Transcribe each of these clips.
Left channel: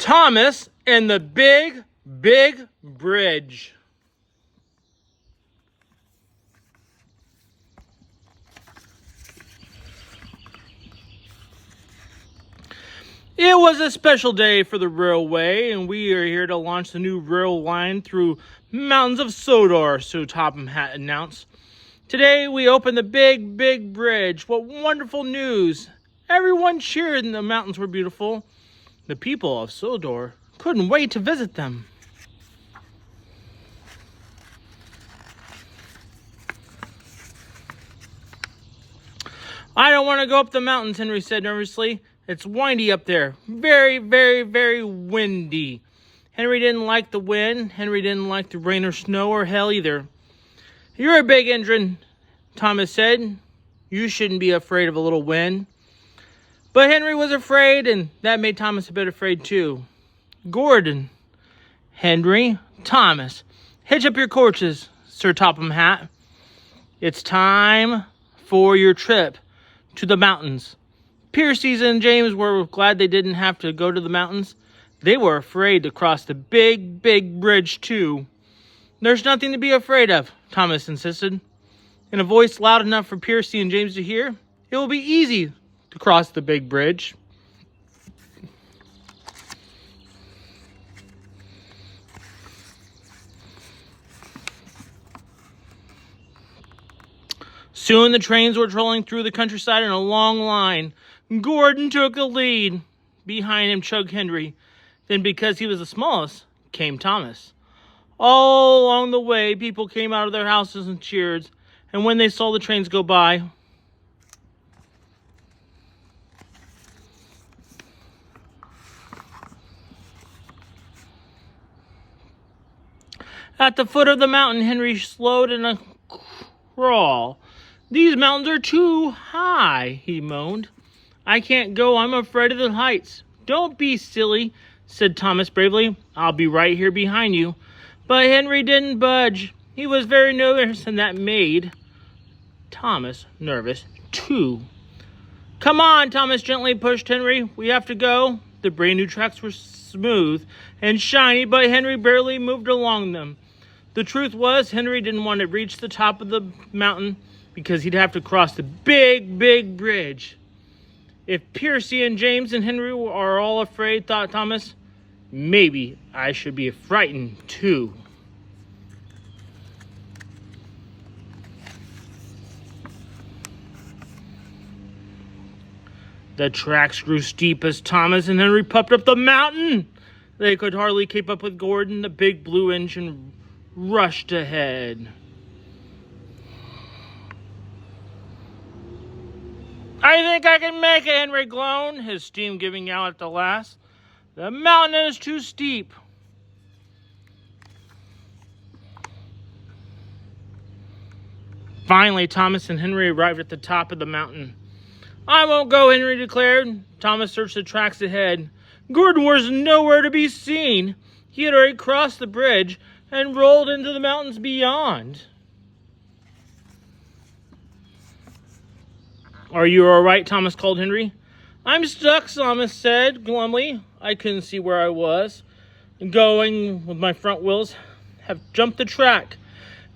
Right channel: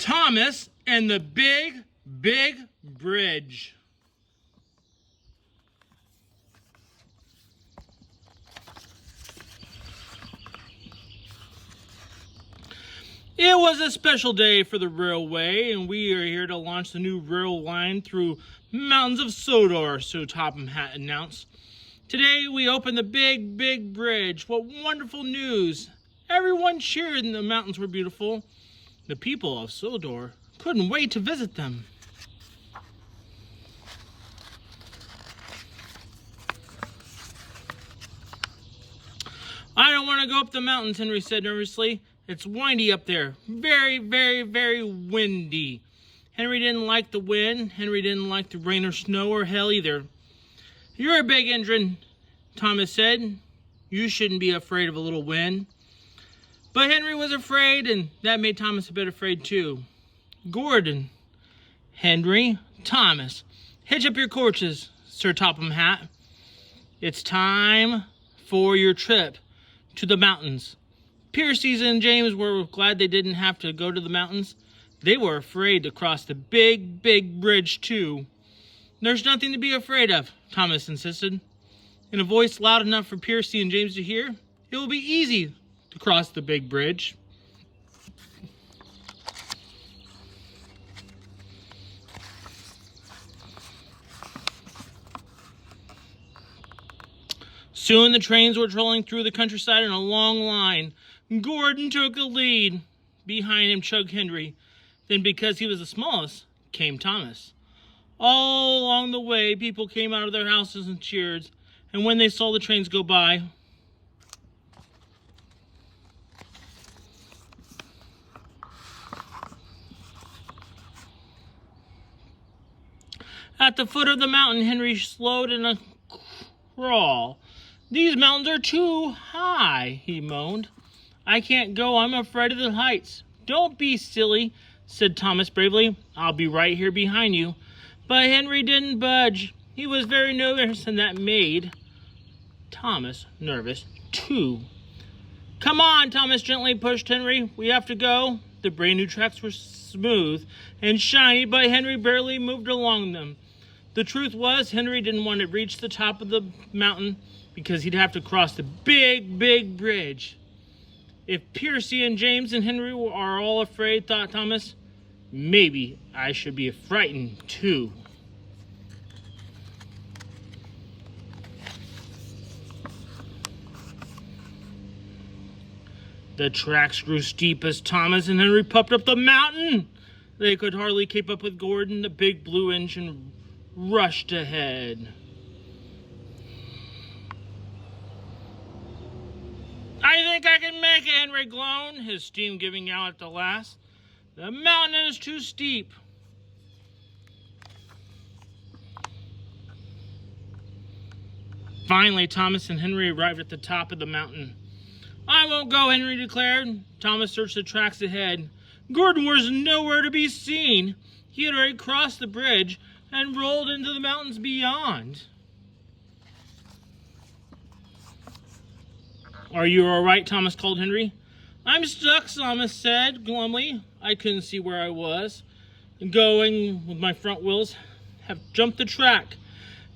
Thomas and the Big, Big Bridge. It was a special day for the railway, and we are here to launch the new rail line through mountains of Saylor, so Topham Hatt announced. Today we opened the Big, Big Bridge. What wonderful news! Everyone cheered and the mountains were beautiful. The people of Saylor couldn't wait to visit them. I don't want to go up the mountains, Henry said nervously. It's windy up there. Very, very, very windy. Henry didn't like the wind. Henry didn't like the rain or snow or hail either. You're a big engine, Thomas said. You shouldn't be afraid of a little wind. But Henry was afraid, and that made Thomas a bit afraid too. Gordon, Henry, Thomas, hitch up your courses, Sir Topham Hatt. It's time for your trip to the mountains. Piercy and James were glad they didn't have to go to the mountains. They were afraid to cross the big, big bridge too. There's nothing to be afraid of, Thomas insisted. In a voice loud enough for Piercy and James to hear, it will be easy to cross the big bridge. Soon the trains were trolling through the countryside in a long line. Gordon took the lead. Behind him chugged Henry. Then, because he was the smallest, came Thomas. All along the way, people came out of their houses and cheered. And when they saw the trains go by, at the foot of the mountain, Henry slowed in a crawl. These mountains are too high, he moaned. I can't go. I'm afraid of the heights. Don't be silly, said Thomas bravely. I'll be right here behind you. But Henry didn't budge. He was very nervous, and that made Thomas nervous too. Come on, Thomas gently pushed Henry. We have to go. The brand new tracks were smooth and shiny, but Henry barely moved along them. The truth was, Henry didn't want to reach the top of the mountain because he'd have to cross the big, big bridge. If Piercy and James and Henry are all afraid, thought Thomas, maybe I should be frightened too. The tracks grew steep as Thomas and Henry puffed up the mountain. They could hardly keep up with Gordon. The big blue engine rushed ahead. I think I can make it, Henry groaned, his steam giving out at the last. The mountain is too steep. Finally, Thomas and Henry arrived at the top of the mountain. I won't go, Henry declared. Thomas searched the tracks ahead. Gordon was nowhere to be seen. He had already crossed the bridge and rolled into the mountains beyond. Are you all right? Thomas called Henry. I'm stuck, Thomas said glumly. I couldn't see where I was. Going with my front wheels have jumped the track.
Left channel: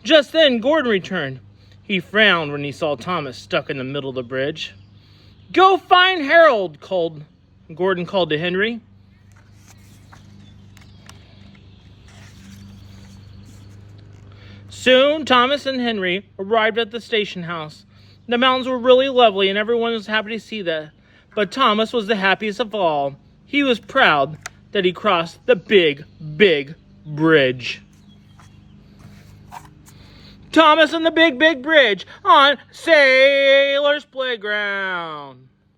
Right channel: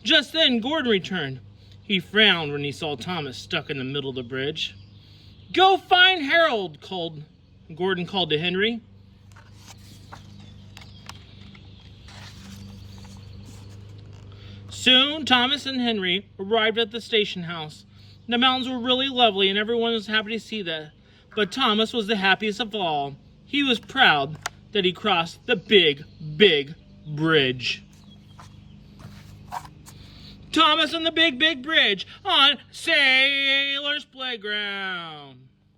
Just then, Gordon returned. He frowned when he saw Thomas stuck in the middle of the bridge. Go find Harold, Gordon called to Henry. Soon, Thomas and Henry arrived at the station house. The mountains were really lovely, and everyone was happy to see that. But Thomas was the happiest of all. He was proud that he crossed the big, big bridge. Thomas and the Big, Big Bridge on Saylor's Playground.